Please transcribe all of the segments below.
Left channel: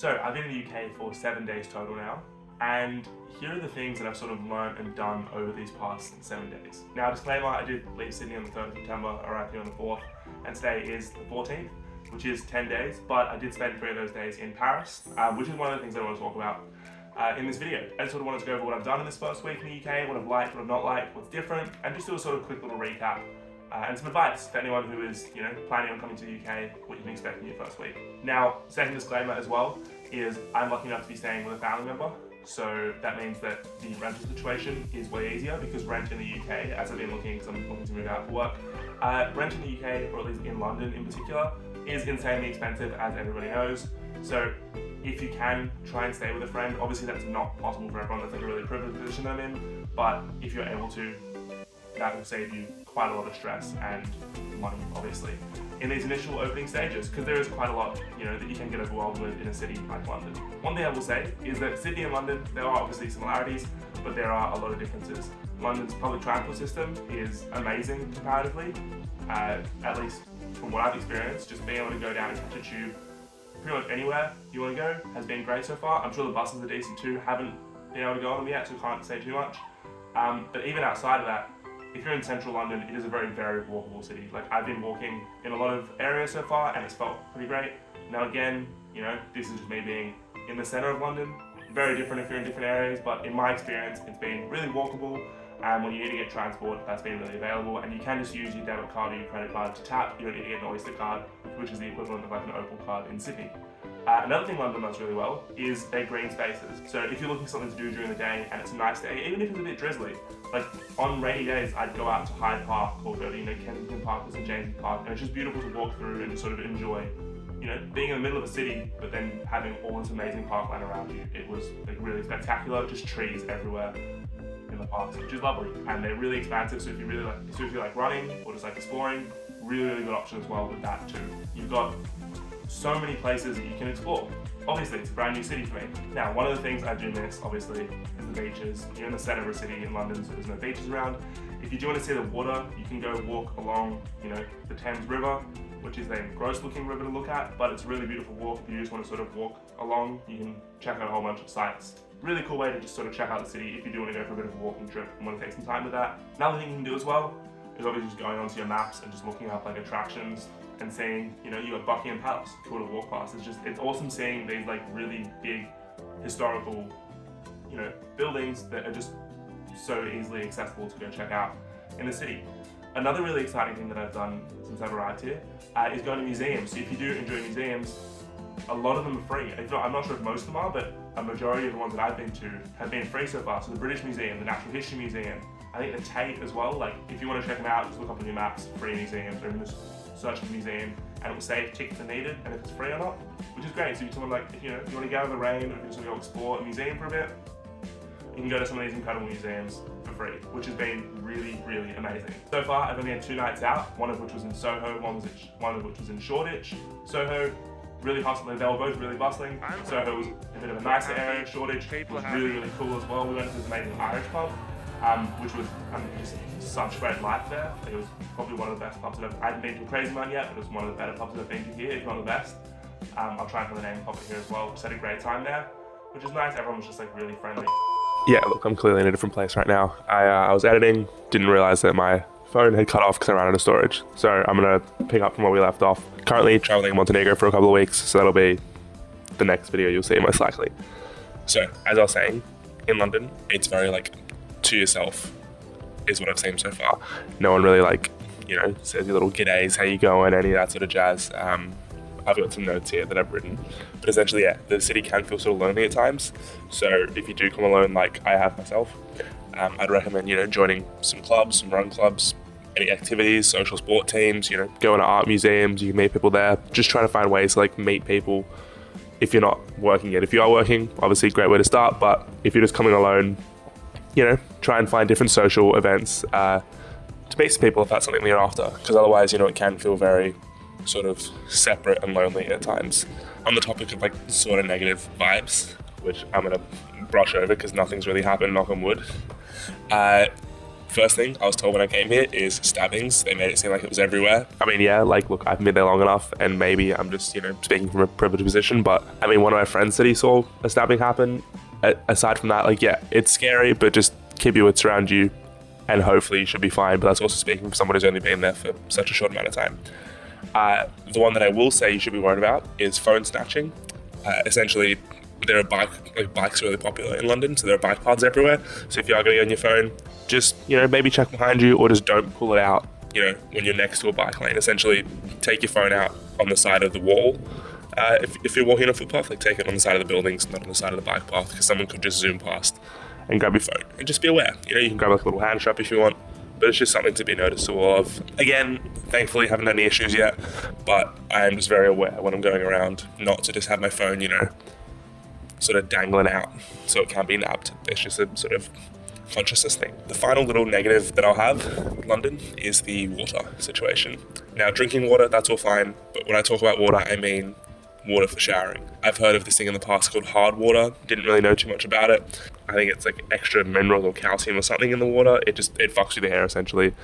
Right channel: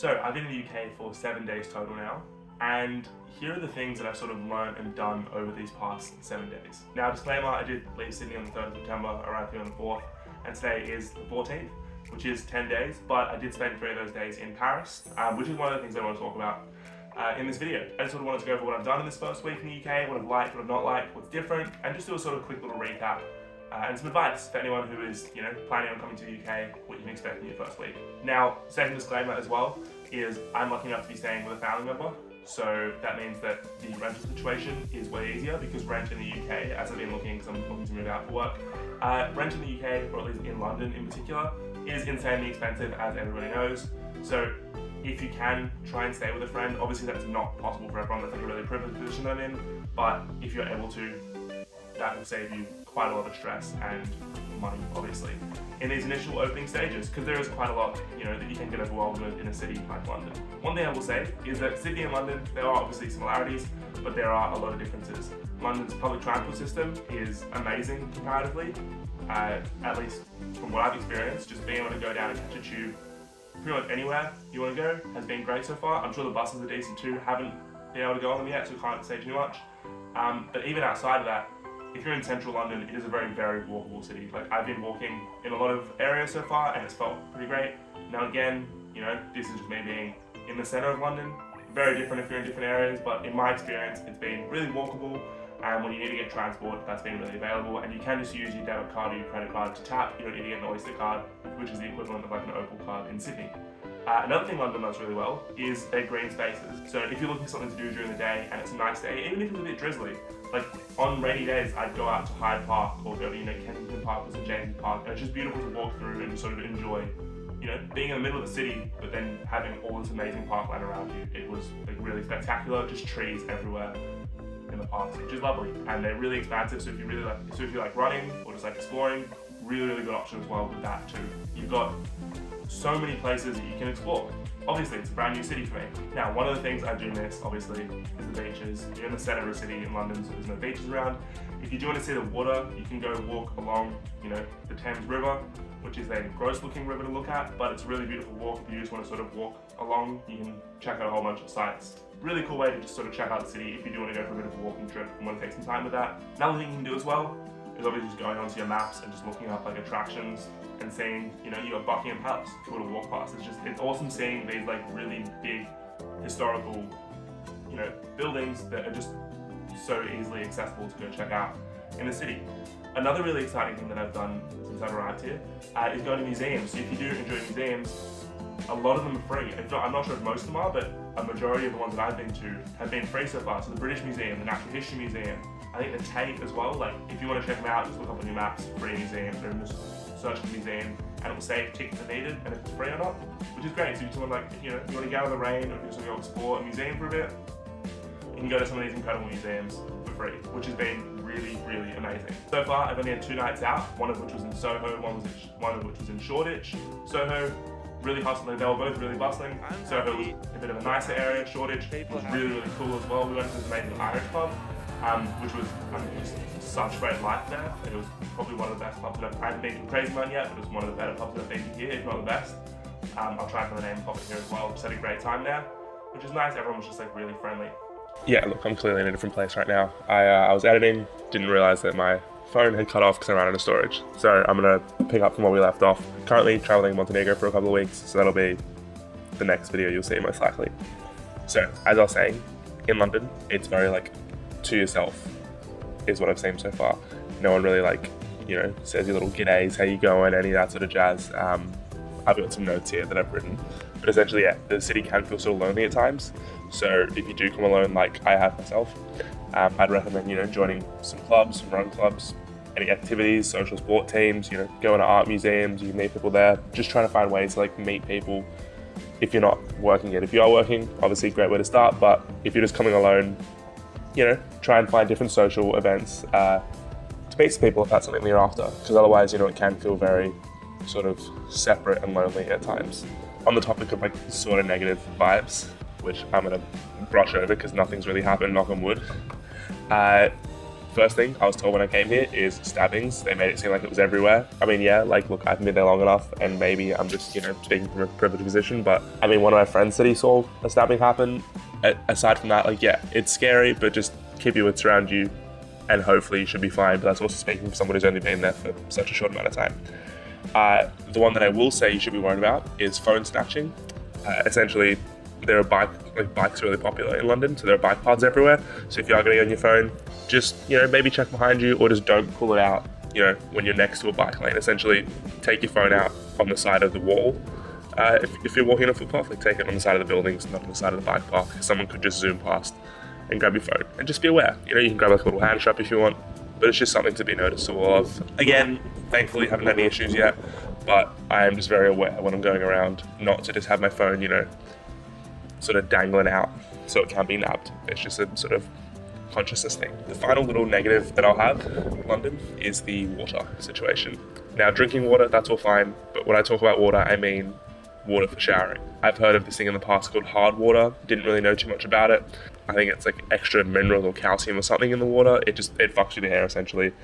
So I've been in the UK for 7 days total now, and here are the things that I've sort of learned and done over these past 7 days. Now, disclaimer, I did leave Sydney on the 3rd of September, arrived here on the 4th, and today is the 14th, which is 10 days, but I did spend 3 of those days in Paris, which is one of the things I want to talk about in this video. I just sort of wanted to go over what I've done in this first week in the UK, what I've liked, what I've not liked, what's different, and just do a sort of quick little recap and some advice for anyone who is, planning on coming to the UK, what you can expect in your first week. Now, second disclaimer as well is I'm lucky enough to be staying with a family member, so that means that the rental situation is way easier because rent in the UK, as I've been looking, because I'm looking to move out for work, rent in the UK, or at least in London in particular, is insanely expensive, as everybody knows. So if you can, try and stay with a friend. Obviously that's not possible for everyone, that's like a really privileged position that I'm in, but if you're able to, that will save you quite a lot of stress and money, obviously, in these initial opening stages, because there is quite a lot, that you can get overwhelmed with in a city like London. One thing I will say is that Sydney and London, there are obviously similarities, but there are a lot of differences. London's public transport system is amazing comparatively, at least from what I've experienced. Just being able to go down and catch a tube pretty much anywhere you want to go has been great so far. I'm sure the buses are decent too, haven't been able to go on them yet, so can't say too much. But even outside of that, if you're in central London, it is a very, very walkable city. Like, I've been walking in a lot of areas so far and it's felt pretty great. Now again, this is just me being in the center of London. Very different if you're in different areas, but in my experience, it's been really walkable. And when you need to get transport, that's been really available. And you can just use your debit card or your credit card to tap. You don't need to get an Oyster card, which is the equivalent of like an Opal card in Sydney. Another thing London does really well is their green spaces. So if you're looking for something to do during the day and it's a nice day, even if it's a bit drizzly, like on rainy days, I'd go out to Hyde Park or go to Kensington Park or St James's Park, and it's just beautiful to walk through and just sort of enjoy, being in the middle of the city, but then having all this amazing parkland around you. It was like really spectacular, just trees everywhere in the parks, which is lovely, and they're really expansive. So if you like running or just like exploring, really good option as well with that too. You've got so many places that you can explore. Obviously, it's a brand new city for me. Now, one of the things I do miss, obviously, is the beaches. You're in the center of the city in London, so there's no beaches around. If you do want to see the water, you can go walk along, the Thames River, which is a gross-looking river to look at, but it's a really beautiful walk. If you just want to sort of walk along, you can check out a whole bunch of sites. Really cool way to just sort of check out the city if you do want to go for a bit of a walking trip and want to take some time with that. Another thing you can do as well is obviously just going onto your maps and just looking up like attractions and seeing, you got Buckingham Palace, cool to walk past. It's awesome seeing these like really big historical, buildings that are just so easily accessible to go check out in the city. Another really exciting thing that I've done since I've arrived here is going to museums. So if you do enjoy museums, a lot of them are free. I'm not sure if most of them are, but a majority of the ones that I've been to have been free so far. So the British Museum, the Natural History Museum, I think the Tate as well. Like, if you want to check them out, just look up on your maps, free museums, or even just search for the museum, and it will say if tickets are needed and if it's free or not, which is great. So if you want you want to get out of the rain, or if you just want to go explore a museum for a bit, you can go to some of these incredible museums for free, which has been really amazing. So far, I've only had 2 nights out, one of which was in Soho, one of which was in Shoreditch. Soho, really hustling. They were both really bustling. Soho was a bit of a nicer area. Shoreditch was really cool as well. We went to this amazing Irish pub, which was just such great life there. It was probably one of the best pubs that I haven't been to a crazy amount yet, but it was one of the better pubs that I've been to here, if not the best. I'll try and find the name and pop it here as well. Just had a great time there, which is nice. Everyone was just like really friendly. Yeah, look, I'm clearly in a different place right now. I was editing, didn't realize that my phone had cut off because I ran out of storage. So I'm gonna pick up from where we left off. Currently traveling in Montenegro for a couple of weeks, so that'll be the next video you'll see most likely. So as I was saying, in London, it's very like to yourself is what I've seen so far. No one really says your little g'days, how you going, any of that sort of jazz. I've got some notes here that I've written, but essentially, yeah, the city can feel sort of lonely at times. So if you do come alone, like I have myself, I'd recommend, joining some clubs, some run clubs, any activities, social sport teams, going to art museums, you can meet people there. Just trying to find ways to meet people if you're not working yet. If you are working, obviously a great way to start, but if you're just coming alone, try and find different social events to meet some people if that's something that you're after, because otherwise, it can feel very sort of separate and lonely at times. On the topic of sort of negative vibes, which I'm gonna brush over because nothing's really happened, knock on wood. First thing I was told when I came here is Stabbings. They made it seem like it was everywhere. I mean, yeah, like, look, I've been there long enough, and maybe I'm just, speaking from a privileged position, but I mean, one of my friends said he saw a stabbing happen. Aside from that, like, yeah, it's scary, but just keep your wits around you, and hopefully you should be fine. But that's also speaking from someone who's only been there for such a short amount of time. The one that I will say you should be worried about is phone snatching. Essentially, there are bikes are really popular in London, so there are bike paths everywhere. So if you are going to get on your phone, just, maybe check behind you, or just don't pull it out, when you're next to a bike lane. Essentially, take your phone out on the side of the wall. If you're walking on a footpath, like, take it on the side of the buildings, not on the side of the bike path, because someone could just zoom past and grab your phone. And just be aware. You can grab like a little hand strap if you want, but it's just something to be noticeable of. Again, thankfully, haven't had any issues yet, but I am just very aware when I'm going around not to just have my phone, sort of dangling out so it can be nabbed. It's just a sort of consciousness thing. The final little negative that I'll have with London is the water situation. Now, drinking water, that's all fine, but when I talk about water, I mean water for showering. I've heard of this thing in the past called hard water. Didn't really know too much about it. I think it's like extra minerals or calcium or something in the water. It fucks with the hair essentially.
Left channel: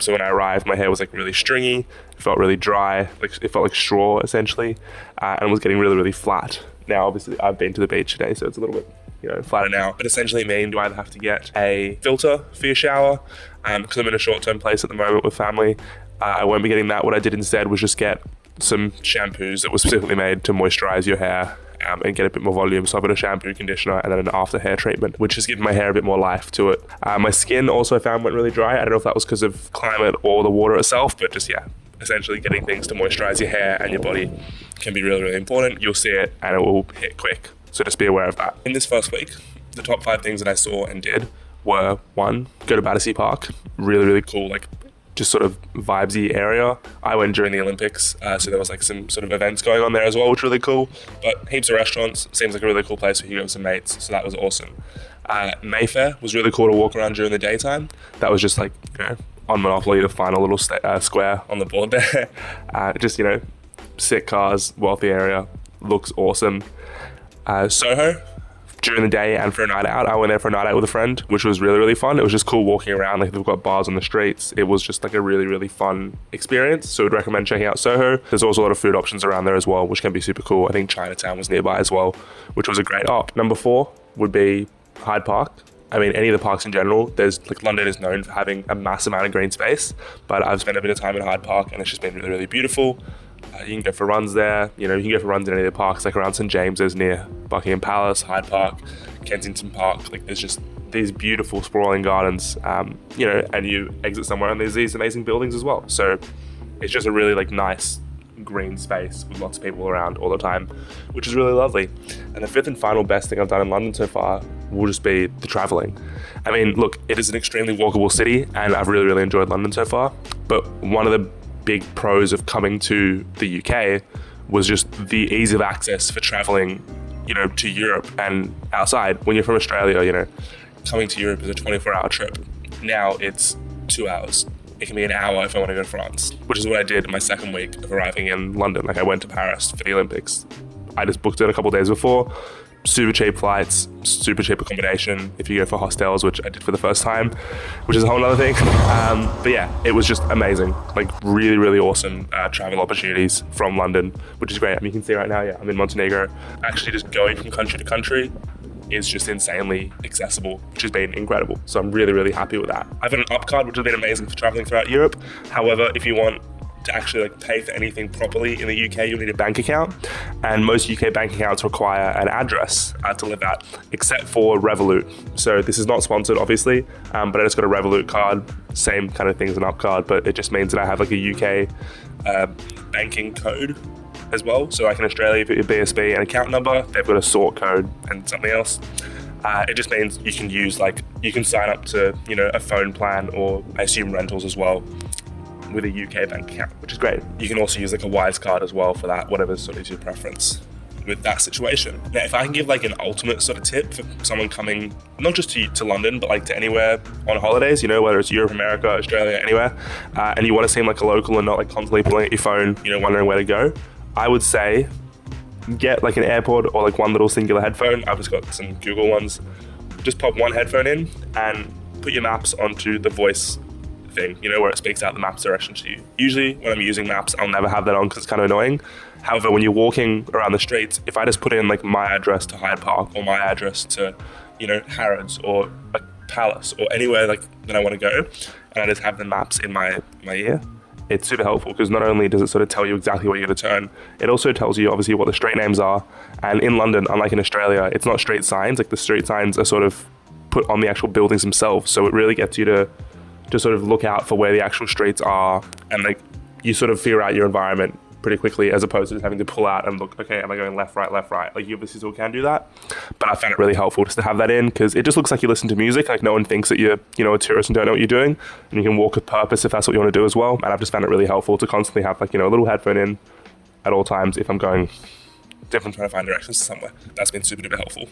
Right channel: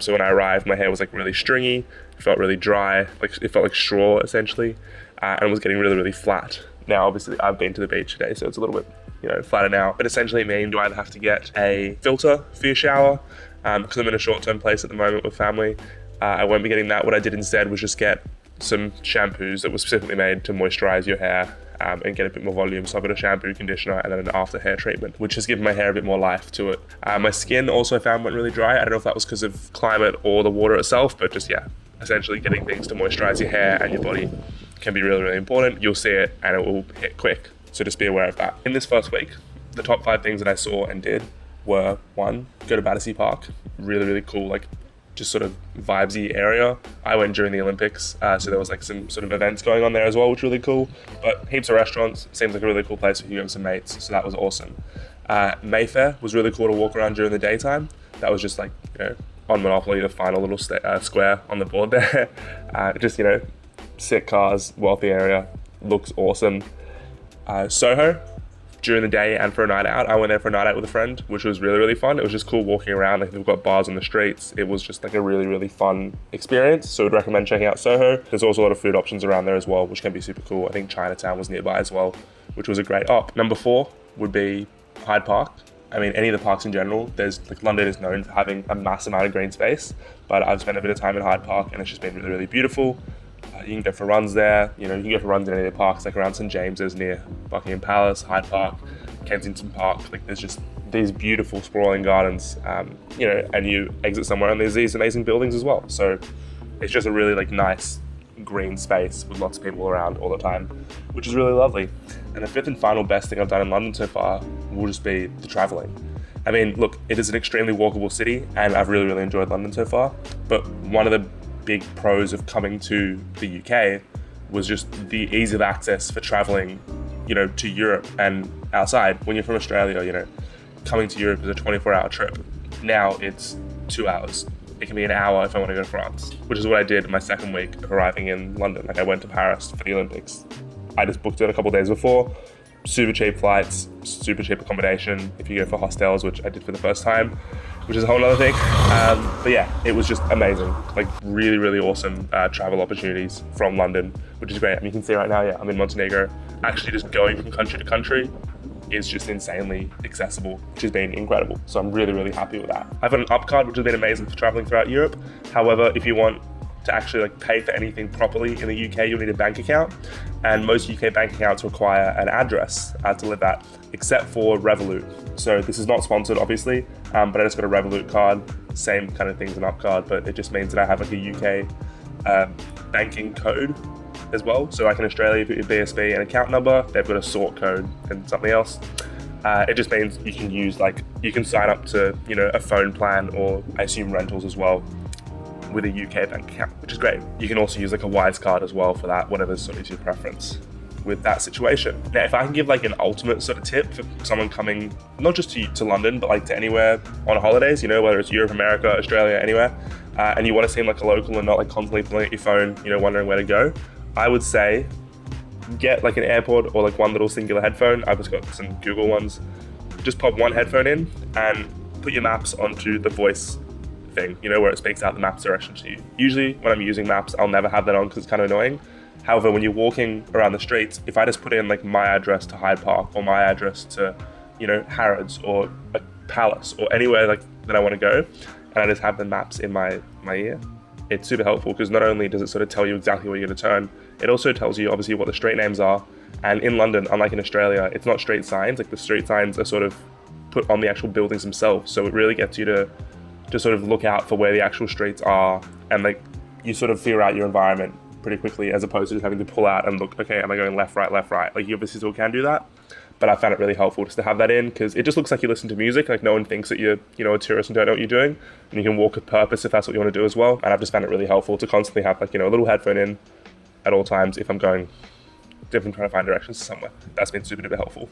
So when I arrived, my hair was like really stringy. It felt really dry. It felt like straw essentially, and it was getting really, really flat. Now, obviously, I've been to the beach today, so it's a little bit, flatter now. But essentially, you either have to get a filter for your shower, because I'm in a short-term place at the moment with family. I won't be getting that. What I did instead was just get some shampoos that were specifically made to moisturize your hair and get a bit more volume. So I've got a shampoo, conditioner, and then an after hair treatment, which has given my hair a bit more life to it. My skin also I found went really dry. I don't know if that was because of climate or the water itself, but just, yeah, essentially getting things to moisturize your hair and your body can be really, really important. You'll see it and it will hit quick. So just be aware of that. In this first week, the top 5 things that I saw and did were 1, go to Battersea Park. Really, really cool, like just sort of vibesy area. I went during the Olympics, so there was like some sort of events going on there as well, which was really cool. But heaps of restaurants, seems like a really cool place for you to go with some mates, so that was awesome. Mayfair was really cool to walk around during the daytime. That was just like, on Monopoly, the final little square on the board there. Just, sick cars, wealthy area, looks awesome. Soho, during the day and for a night out. I went there for a night out with a friend, which was really, really fun. It was just cool walking around. Like, they've got bars on the streets. It was just like a really, really fun experience. So I'd recommend checking out Soho. There's also a lot of food options around there as well, which can be super cool. I think Chinatown was nearby as well, which was a great op. Number 4 would be Hyde Park. I mean, any of the parks in general, London is known for having a massive amount of green space, but I've spent a bit of time at Hyde Park and it's just been really, really beautiful. You can go for runs there. You can go for runs in any of the parks, like around St James's near Buckingham Palace, Hyde Park, Kensington Park. Like, there's just these beautiful sprawling gardens, and you exit somewhere and there's these amazing buildings as well. So it's just a really nice green space with lots of people around all the time, which is really lovely. And the 5th and final best thing I've done in London so far will just be the traveling. I mean, look, it is an extremely walkable city and I've really, really enjoyed London so far. But one of the big pros of coming to the UK was just the ease of access for traveling, to Europe and outside. When you're from Australia, coming to Europe is a 24-hour trip. Now it's 2 hours. It can be an hour if I want to go to France, which is what I did my second week of arriving in London. Like, I went to Paris for the Olympics. I just booked it a couple of days before. Super cheap flights, super cheap accommodation if you go for hostels, which I did for the first time, which is a whole other thing. But yeah, it was just amazing. Like, really, really awesome travel opportunities from London, which is great. I mean, you can see right now, I'm in Montenegro. Actually, just going from country to country is just insanely accessible, which has been incredible. So I'm really, really happy with that. I've got an up card, which has been amazing for traveling throughout Europe. However, if you want to actually pay for anything properly in the UK, you'll need a bank account. And most UK bank accounts require an address to live at, except for REVOLUT. So this is not sponsored, obviously, but I just got a REVOLUT card, same kind of thing as an up card, but it just means that I have like a UK banking code as well. So like in Australia, you put your BSB and account number, they've got a sort code and something else. It just means you can use you can sign up to, a phone plan, or I assume rentals as well, with a UK bank account, which is great. You can also use a Wise card as well for that, whatever sort of your preference with that situation. Now, if I can give an ultimate sort of tip for someone coming, not just to London, but to anywhere on holidays, whether it's Europe, America, Australia, anywhere, and you want to seem like a local and not constantly pulling at your phone, wondering where to go, I would say get an AirPod or one little singular headphone. I've just got some Google ones. Just pop one headphone in and put your maps onto the voice thing, you know, where it speaks out the map's direction to you. Usually when I'm using maps, I'll never have that on because it's kind of annoying. However, when you're walking around the streets, if I just put in like my address to Hyde Park or my address to, you know, Harrods or like Palace or anywhere like that I want to go, and I just have the maps in my ear, it's super helpful because not only does it sort of tell you exactly where you're going to turn, it also tells you obviously what the street names are. And in London, unlike in Australia, it's not street signs. Like the street signs are sort of put on the actual buildings themselves. So it really gets you to sort of look out for where the actual streets are, and like you sort of figure out your environment pretty quickly, as opposed to just having to pull out and look, okay, am I going left, right, left, right? Like you obviously still can do that, but I found it really helpful just to have that in because it just looks like you listen to music. Like no one thinks that you're, you know, a tourist and don't know what you're doing, and you can walk with purpose if that's what you want to do as well. And I've just found it really helpful to constantly have like, you know, a little headphone in at all times if I'm going, if I'm trying to find directions to somewhere. That's been super duper helpful.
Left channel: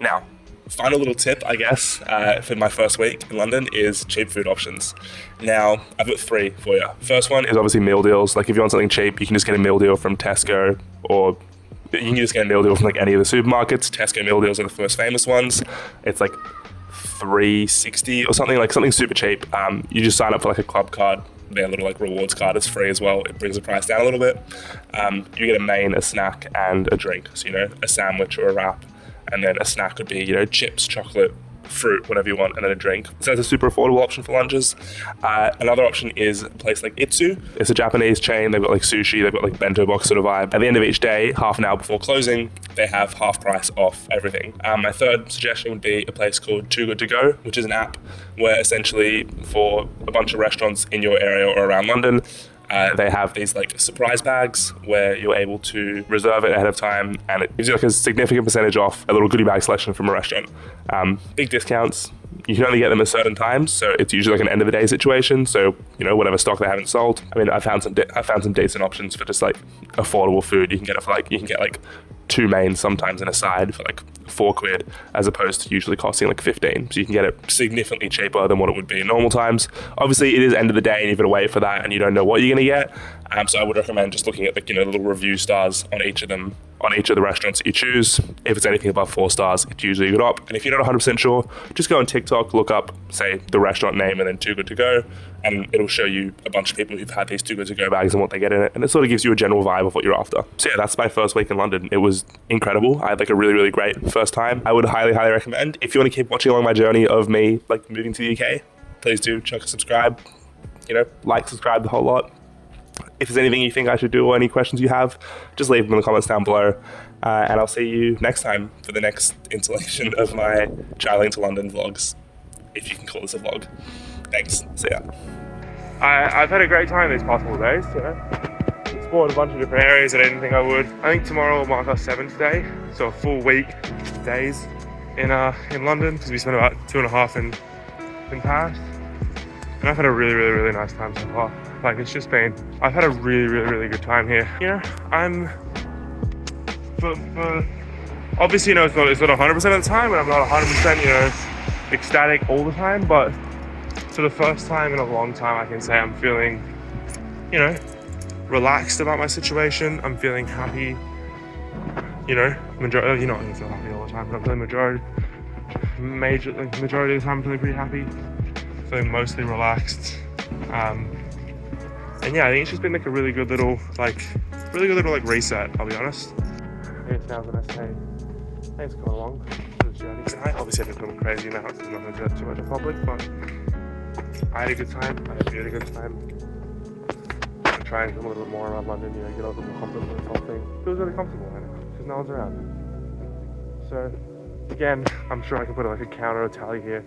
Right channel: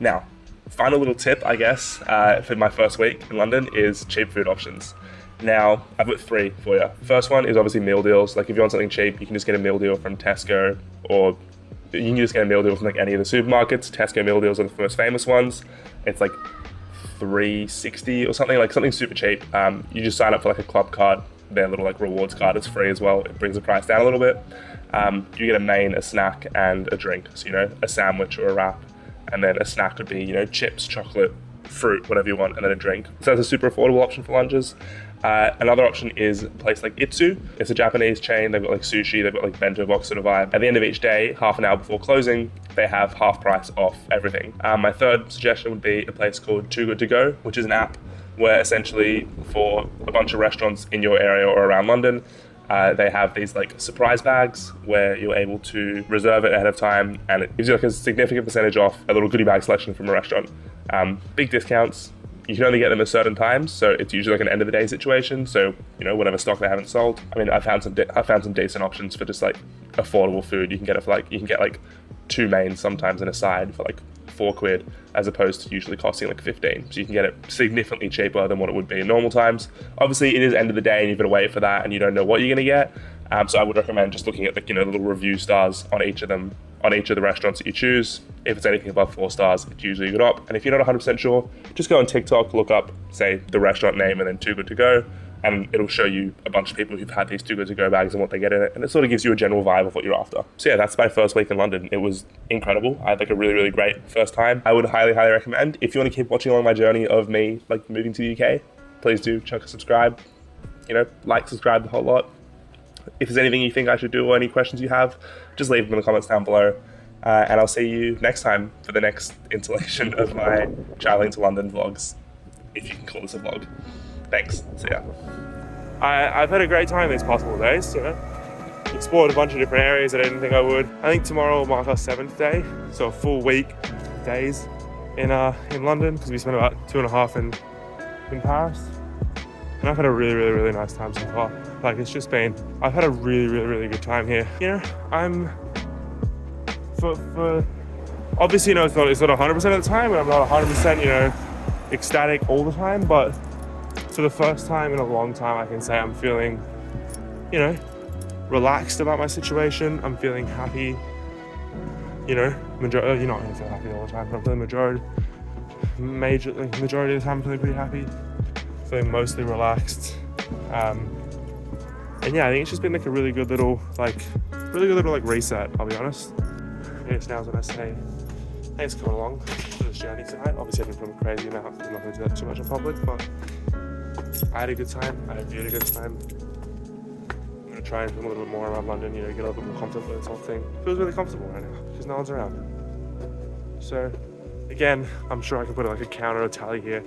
Now, final little tip, I guess, for my first week in London is cheap food options. Now, I've got 3 for you. First one is obviously meal deals. Like if you want something cheap, you can just get a meal deal from Tesco, or you can just get a meal deal from like any of the supermarkets. Tesco meal deals are the most famous ones. It's like $3.60 or something, like something super cheap. You just sign up for like a club card. Their little like rewards card is free as well. It brings the price down a little bit. You get a main, a snack, and a drink. So, you know, a sandwich or a wrap. And then a snack would be, you know, chips, chocolate, fruit, whatever you want, and then a drink. So that's a super affordable option for lunches. Another option is a place like Itsu. It's a Japanese chain. They've got like sushi, they've got like bento box sort of vibe. At the end of each day, half an hour before closing, they have half price off everything. My third suggestion would be a place called Too Good To Go, which is an app where essentially for a bunch of restaurants in your area or around London, they have these like surprise bags where you're able to reserve it ahead of time, and it gives you like a significant percentage off a little goodie bag selection from a restaurant. Big discounts. You can only get them at certain times, so it's usually like an end of the day situation. So, you know, whatever stock they haven't sold. I mean, I found some decent options for just like affordable food. You can get it for like, you can get like 2 mains sometimes in a side for like £4, as opposed to usually costing like 15. So you can get it significantly cheaper than what it would be in normal times. Obviously, it is end of the day and you've got to wait for that and you don't know what you're gonna get. So I would recommend just looking at the, you know, little review stars on each of them, on each of the restaurants that you choose. If it's anything above 4 stars, it's usually a good op. And if you're not 100% sure, just go on TikTok, look up, say the restaurant name and then Too Good To Go, and it'll show you a bunch of people who've had these Too Good To Go bags and what they get in it, and it sort of gives you a general vibe of what you're after. So yeah, that's my first week in London. It was incredible. I had like a really, really great first time. I would highly, highly recommend. If you want to keep watching along my journey of me like moving to the UK, please do chuck a subscribe, you know, like, subscribe, the whole lot. If there's anything you think I should do or any questions you have, just leave them in the comments down below. And I'll see you next time for the next installation of my traveling to London vlogs, if you can call this a vlog. Thanks, see ya. I've had a great time these past 4 days, you know. Explored a bunch of different areas that I didn't think I would. I think tomorrow will mark our 7th day, so a full week days in London, because we spent about 2.5 in Paris. And I've had a really, really, really nice time so far. Like, it's just been, I've had a really, really, really good time here. You know, I'm, for obviously, you know, it's not 100% of the time, and I'm not 100%, you know, ecstatic all the time, but for the first time in a long time, I can say I'm feeling, you know, relaxed about my situation. I'm feeling happy, you know, you're not gonna feel happy all the time, but I'm feeling majority of the time I'm feeling pretty happy. Feeling mostly relaxed, and yeah, I think it's just been like a really good little reset, I'll be honest. I guess now when I say thanks for coming along for this journey tonight. Obviously I didn't film a crazy amount because I'm not going to do that too much in public, but I had a good time. I had a really good time. I'm trying to film a little bit more around London, you know, get a little bit more comfortable with this whole thing. It feels really comfortable right now because no one's around. So again, I'm sure I can put like a counter or tally here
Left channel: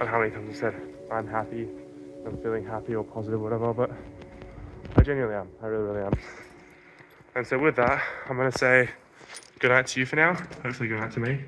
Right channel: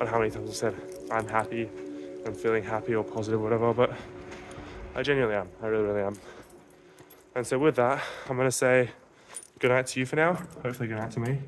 on how many times I said I'm happy, I'm feeling happy or positive, whatever, but I genuinely am. I really, really am. And so with that, I'm gonna say good night to you for now. Hopefully good night to me.